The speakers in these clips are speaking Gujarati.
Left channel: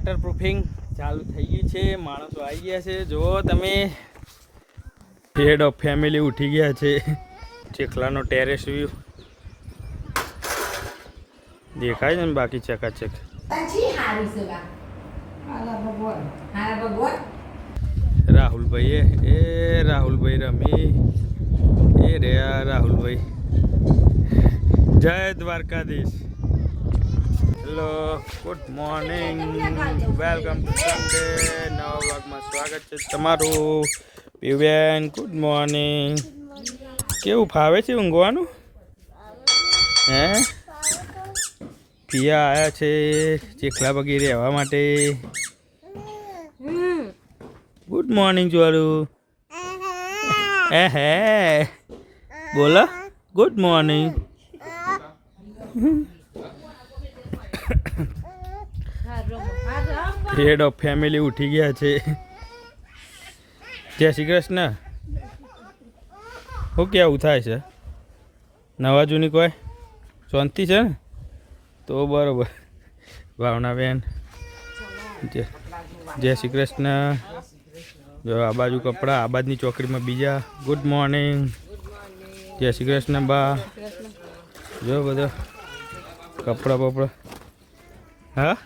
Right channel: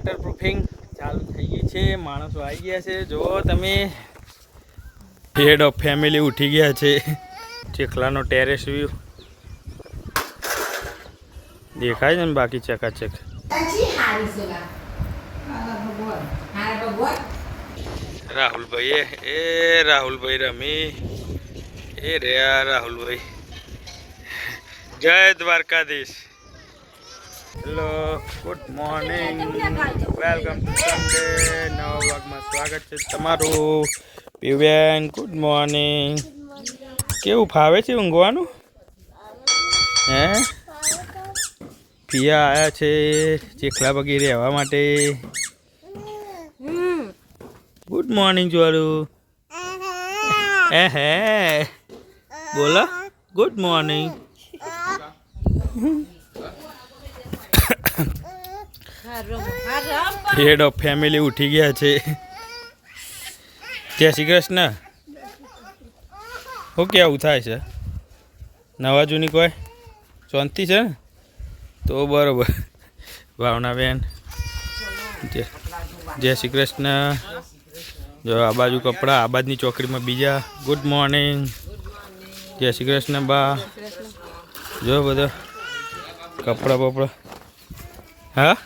વોટરપ્રૂફિંગ ચાલુ થઈ ગઈ છે. માણસો આવી ગયા છે. જો તમે હેડ ઓફ ફેમિલી ઉઠી ગયા છે. ચેખલાનો ટેરેસ વ્યૂ દેખાય છે ને બાકી ચકાચક. રાહુલભાઈ એ રાહુલભાઈ રમી એ રે રાહુલભાઈ. જય Dwarkadhish. Hello, good morning, welcome to Sunday. નવા વ્લોગમાં સ્વાગત છે તમારું. પીવેન ગુડ મોર્નિંગ. કેવું ફાવે છે ઊંઘવાનું? હે પિયા આવ્યા છે ચેખલા બગી રહેવા માટે. ગુડ મોર્નિંગ જોવાળુ. હે બોલો good morning. Head of family ઉઠી ગયા છે. જય શ્રી કૃષ્ણ. શું કેવું થાય છે? નવા જૂની કોઈ શાંતિ છે ને? તો બરોબર. ભાવનાબેન જય શ્રી કૃષ્ણ. જો આ બાજુ કપડાં, આ બાજુની ચોકડીમાં બીજા. ગુડ મોર્નિંગ, જય શ્રી કૃષ્ણ બા. જો બધો કપડાં બપડા. હા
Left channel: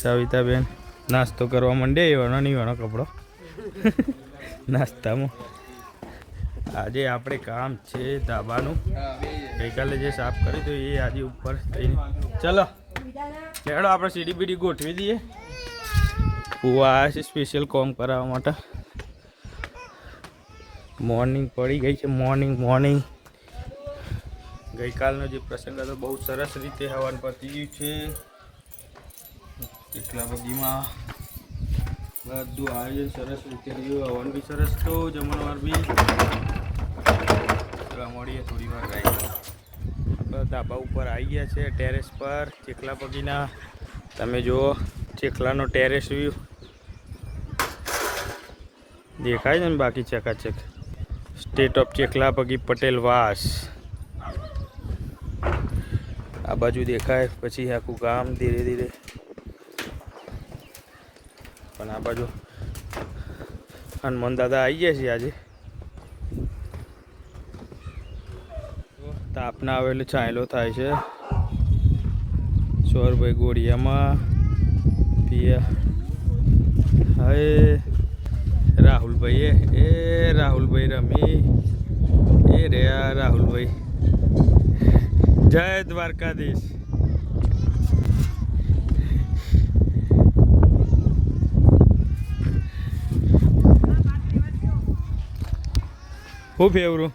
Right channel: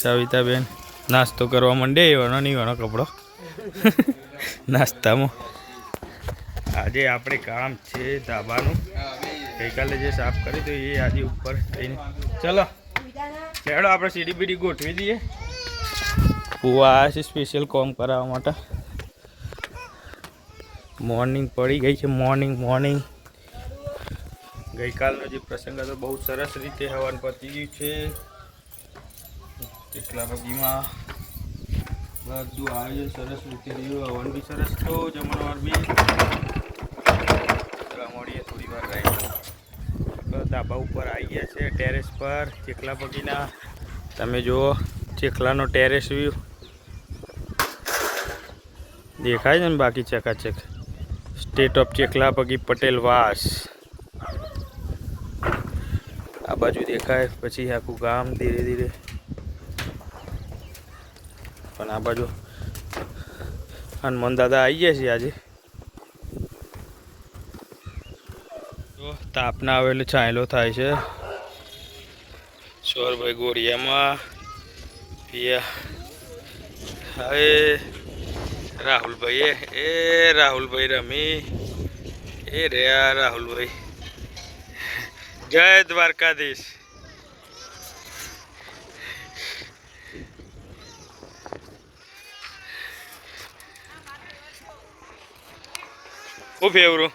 સવિતાબેન નાસ્તો કરવા માંડે. એવાનો નહીં એવાનો કપડો નાસ્તામાં. આજે આપણે કામ છે ધાબાનું. ગઈકાલે જે સાફ કરી તો એ આજે ઉપર થઈને ચલો ચાલો આપણે સીડી બીડી ગોઠવી દઈએ. કુવા આવ્યા છે સ્પેશિયલ કોમ કરાવવા માટે. મોર્નિંગ પડી ગઈ છે. મોર્નિંગ ગઈકાલનો જે પ્રસંગ હતો બહુ સરસ રીતે હવન પતી ગયું છે. ચેખલા બગીમાં બધું આયોજન સરસ રીતે રહ્યું. હવન બી સરસ તો જમણવાર બી મળીએ થોડી વાર રહી. ધાબા ઉપર આવી ગયા છે ટેરેસ પર ચેખલા બગીના. તમે જુઓ ચેખલાનો ટેરેસ વ્યૂ દેખાય છે ને બાકી ચકાચક. સ્ટેટ ઓફ ચેખલા બગી પટેલ વાસ આ બાજુ દેખાય. પછી આખું ગામ ધીરે ધીરે. પણ આ બાજુ હનુમાન દાદા આવી ગયા છે આજે. તાપના આવેલો છાંયલો થાય છે. સોરભાઈ ગોળિયામાં પિયા. હવે રાહુલભાઈ એ રાહુલભાઈ રમી એ રે રાહુલભાઈ. જય દ્વારકાધીશ. હું ફેવરું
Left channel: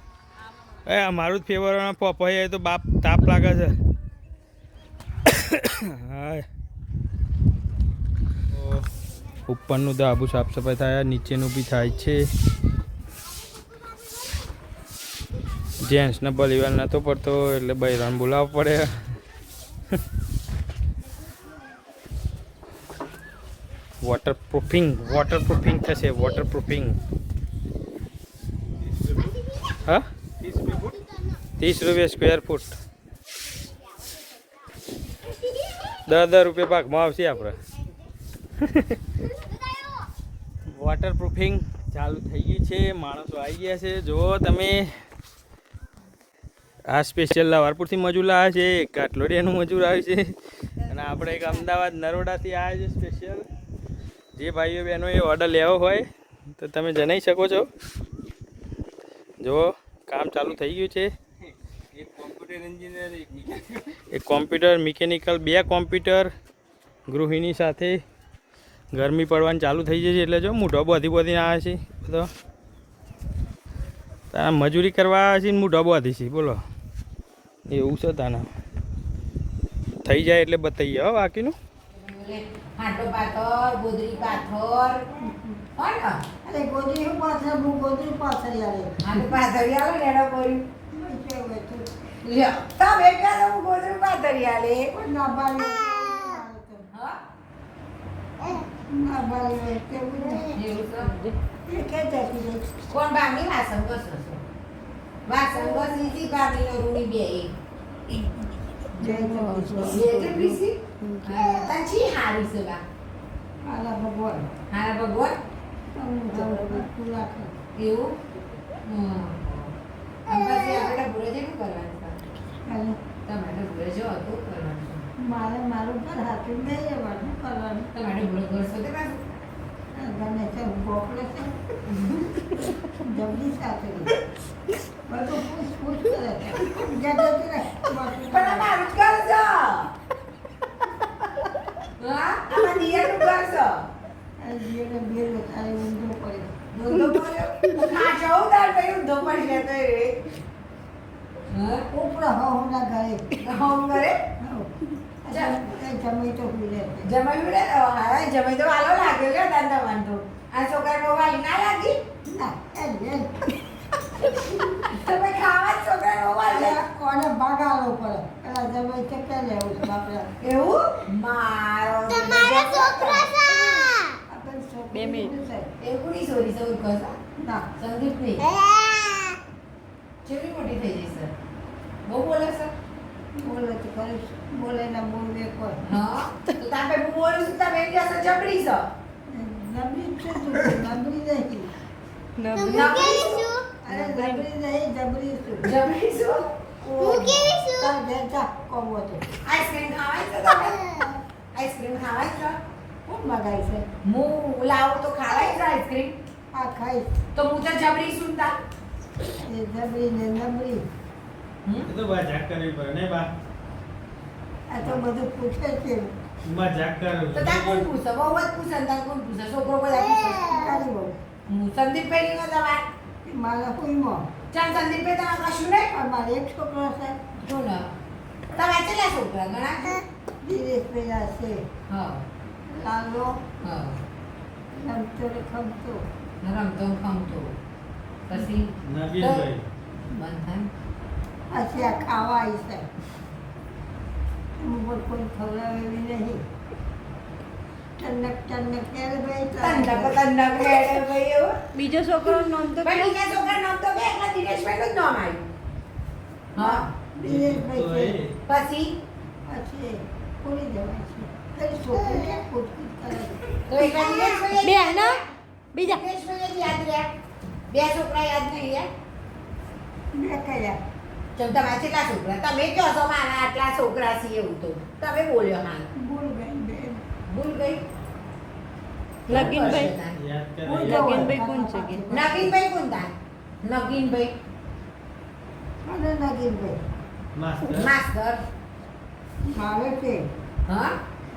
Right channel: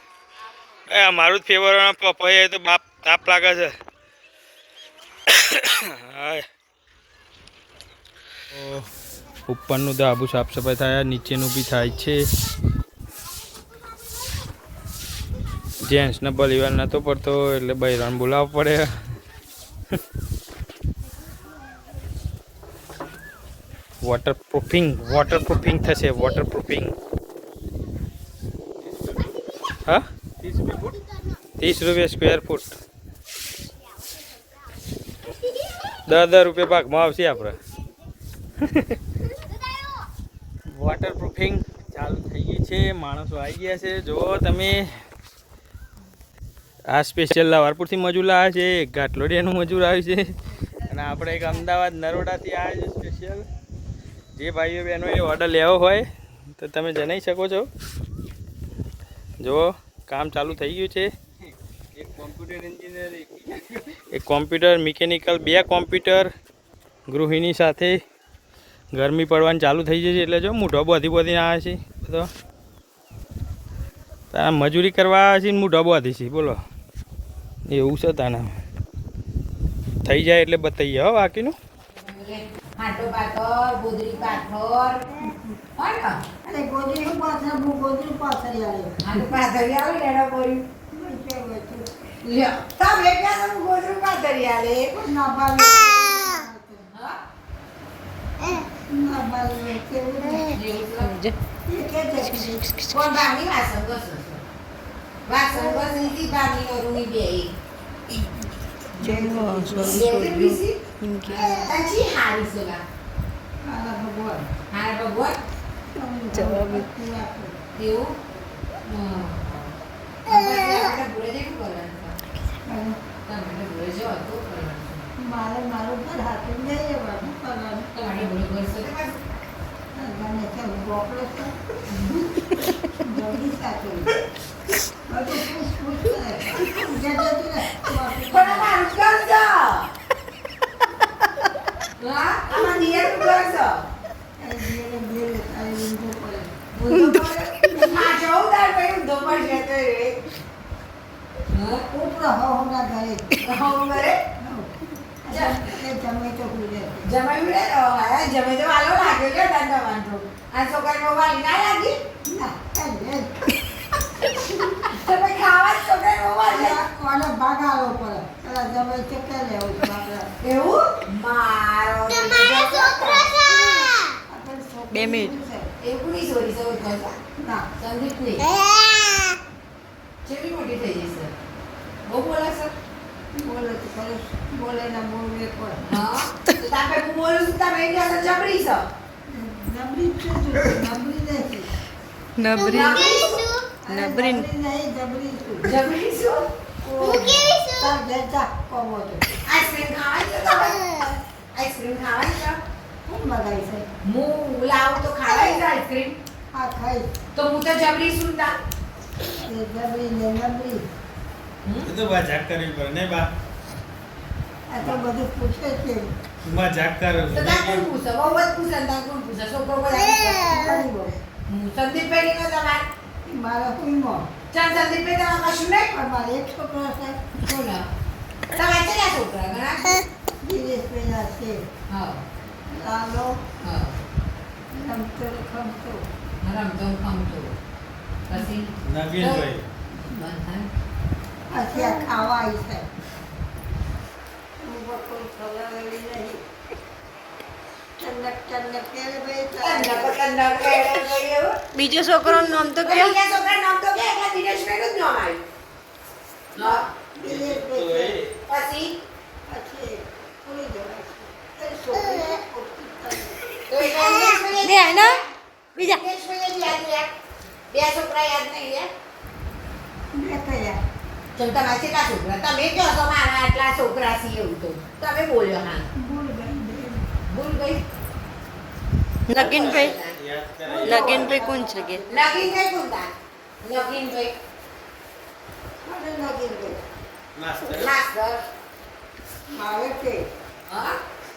મારું જ ફેવર. પપૈયા તો બાપ તાપ લાગે છે. હા ઉપરનું ધાબુ સાફ સફાઈ થાય, નીચેનું બી થાય છે. જેન્ટ્સને ભલીવાર નહોતો પડતો એટલે બૈરાને બોલાવવો પડે. વોટરપ્રૂફિંગ થશે. વોટરપ્રૂફિંગ. હા 30 રૂપિયા સ્ક્વેર ફૂટ. 10 રૂપિયા ભાગમાં આવશે આપણે. વોટરપ્રૂફિંગ ચાલુ થઈ ગઈ છે. માણસો આવી ગયા છે. જો તમે આ સ્પેશિયલ લાવારપુરથી મજૂર લાવ્યા છે. એક ઘાટલોડિયાનું મજૂર આવ્યું છે. અને આપણે એક અમદાવાદ નરોડાથી આવ્યા છે સ્પેશિયલ. જે ભાઈઓ બહેનોએ ઓર્ડર લેવો હોય તો તમે જણાવી શકો છો. જુઓ કામ ચાલુ થઈ ગયું છે. એક કોમ્પ્યુટર મિકેનિકલ, 2 કોમ્પ્યુટર ગૃહિણી સાથે. ગરમી પડવાની ચાલુ થઈ જશે એટલે જો મૂઢો બધી આવે છે બધો. તારા મજૂરી કરવા આવે છે ને મૂઢો બધી છે. બોલો એવું છે તાના. થઈ જાય એટલે બતાવીએ હો બાકીનું. તંચી હારી સોલા હારા ભગવાન જવાબ એવું આપણે ભૂલે જેવું કરવાનું તમારે ભૂલે જેવું હતું કરવાનું મારું ઘર હાથું નહીં રહેવાનું કરવાનું તમારે ભૂલે ઘર સાથે જાણે છે બોકડો છે જલ્દી સાથે બધું પૂછ કરે જ્યાં જતું રહે પણ મારું ઘર છે હા આમાં નિયરનું ઘર છે ઊંધો પડે આ 14 પછી ઊંધો પડશે તો એ ઉપરા હોના ઘરે હોમ કરે જમે તો પીડે જમાઈ હા જમે તો વાલો લાગ્યો કે દાંત વાંધો આ છોકરાને વાલી ના લાગી ના તમે ખાવા છોકરાને વાલી કોને ભાગાડો પડે પેલા જમે તો કે લેવું બાપરા એવું મારો છોકરા આપણે 2 મિનિટ. એવું નહીં સોરી સૌ કહો ના સંદીપ નહીં જેવી મોટી થઈ જઈ સર બહુ બોલા સર બોલે તો કરે બોલે ના બોલે કોઈ હા તો તમે હું બોલું છું તમે એમ કહેશો જબરી છો નબળી છે તું નબળી નથી નબરી નબળી નહીં જબરી છું જબરી છું તાર ઘેર જા કોમો તો આઈસ્ક્રીમ ખાવાની છે તમે આઈસ્ક્રીમ ખાવાની છે કોણ મગાઈ છે હું લાવું તો ખાવાની છે આઈસ્ક્રીમ આ ખાઈ તો હું તો જબરી છું તા એ જબરી ને નબળી એ તો મજાક કરવી પડે ને બા આ તો બધું પૂછે છે મજાક કરો તો તા કોણ પૂછે બહુ જ પૂછે ને તા કોણ પૂછે છોકરો બધા પૂછે કરી બોલ હું સંદીપભાઈ નો તમાર મારા હુઈમાં ચાલ સંદીપભાઈ તમાર કશું નહીં પણ મારે એક છોકરો છે બોલો તમારે કેટલા છોકરા ઘણા દિનેશ પેલા છે હા લાલો હા રમતો ખમતો રમતો ખમતો પછી નવીનભાઈ બંધન પછી આ ખાવા આવી છે ઉપર કોઈ ખબર એવી નહીં ચન્નક ચન્નક ત્યારે ભાઈ તન્નક તન્નક મેડમ ભાઈ એવું બીજો છોકરોનું નામ તો પણ કયો બીજા છોકરાનું નામ તો કે એટલે દિનેશભાઈ નું જ નામ આવ્યું હા દિનેશભાઈ છે પછી પછી પૂરી જવાય છે એ છોકરી પૂછતી તો એક દિનેશભાઈ બે હે ને બીજા દિનેશભાઈ યાદ રહ્યા બે છોકરા યાદ નહીં રહ્યા મેં કયા ચલ તમારે કેટલા છોકરા તમે કહો છો મારા આટલા છોકરા છે એવું તો તમે બોલ્યો હા ભૂલ ગઈ ભૂલ ગઈ નગીનભાઈ યાદ કરે નગીનભાઈ કોણ છે કે નગીનભાઈ કોણ તા નગીનભાઈ મને લાગી ગઈ માસ્ટર માસ્ટર મારે છે હા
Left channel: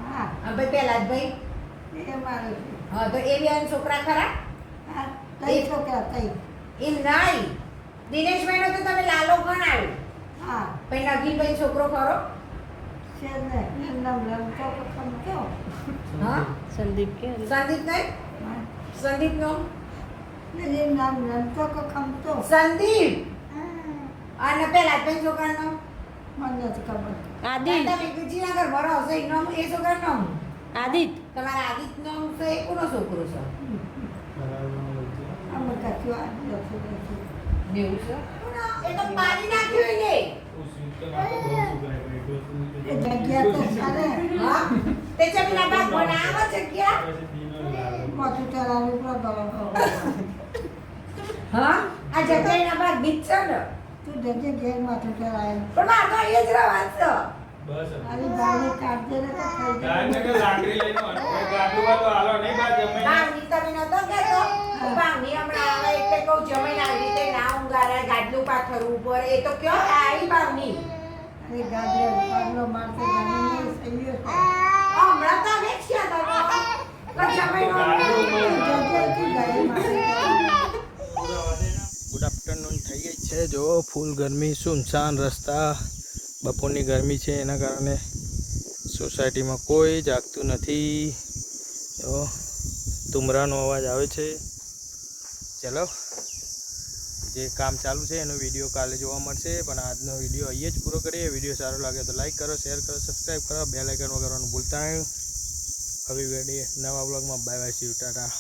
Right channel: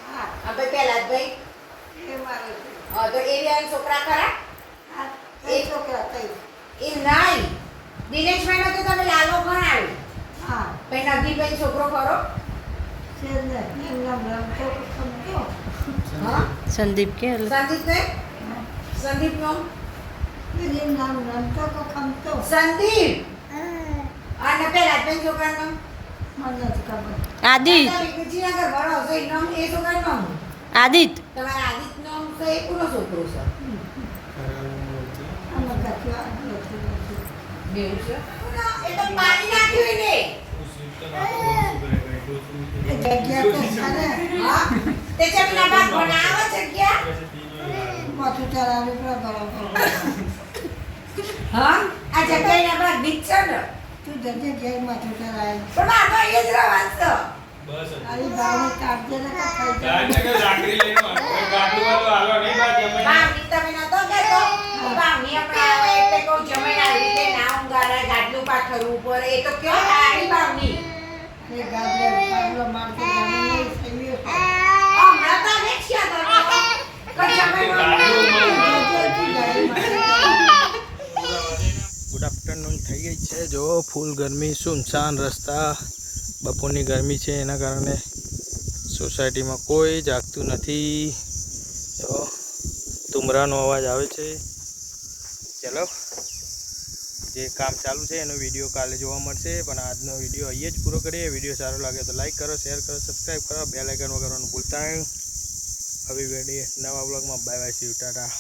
હા આ ભાઈ પહેલા જ ભાઈ એ મારે છે હા તો એ બે છોકરા ખરા આ કઈ છોકરા કઈ એ નહીં દિનેશભાઈ નો તો તમે લાલો ગણાવ્યો હા પછી નગીનભાઈ છોકરો ખરો છે ને એમના રમતો સમજો હા સંદીપ કે સંદીપ નહીં સંદીપ નો એનું નામ રમતો કો ખમતો સંદીપ અને પહેલા જ ભાઈ છોકરાનું નામ મને નથી ખબર આદિત તમે ગુજીનગર ભરો છો એ નામ એ છોકરાનું નામ આદિત તમારા આદિત્ય નામ તો એ કોનો છોકરો છે અમે કશું આ નથી એવું છે એ તો પાડી નાખ્યું એને એ જગ્યા તો સારે હા તે જમીના બાદ બનાવો જગ્યા માથું ચડાવી ગયો હા આ જગ્યાના બાદ બીચ છે ને તું જગ્યા ઘેર માથું ચડાવી પણ મારે તો અહીંયા જ રહેવાનું છે બસ અરે બાને કાઢજે ને કે ખાઈ કાંઈ જાય નકર લાકડી લઈને આવો. ગાડલું વાળું હાલો નહીં બા જમાઈ. ભાવની તમે નતો કહેતો ભાવની હમણાં આવે એટલે કહું જમીન આવી રીતે ના ઊંઘાડે ગાડલું પાથરવું પડે એ તો કયો આવી ભાવની એ ગાડલો મારતો ગાને નહીં સહીએ છે હમણાં તો અમે જ ક્યાં તો જમીન ગુડ આફ્ટરનૂન થઈ ગઈ છે જો ફૂલ ગરમી સુનસાન રસ્તા બપોરની ગરમી છે એના કારણે સોસાયટીમાં કોઈ જાગતું નથી જો તુમરાનો અવાજ આવે છે ચલો જે કામ ચાલુ છે એનો વિડીયો કાલે જોવા મળશે પણ આજનો વિડીયો અહીંયા જ પૂરો કરીએ વિડીયો સારો લાગે તો લાઈક કરો શેર કરો સબસ્ક્રાઈબ કરો બેલ આઇકન વગાડવાનું ભૂલતા નહીં હવે નવા બ્લોગમાં bye bye see you tata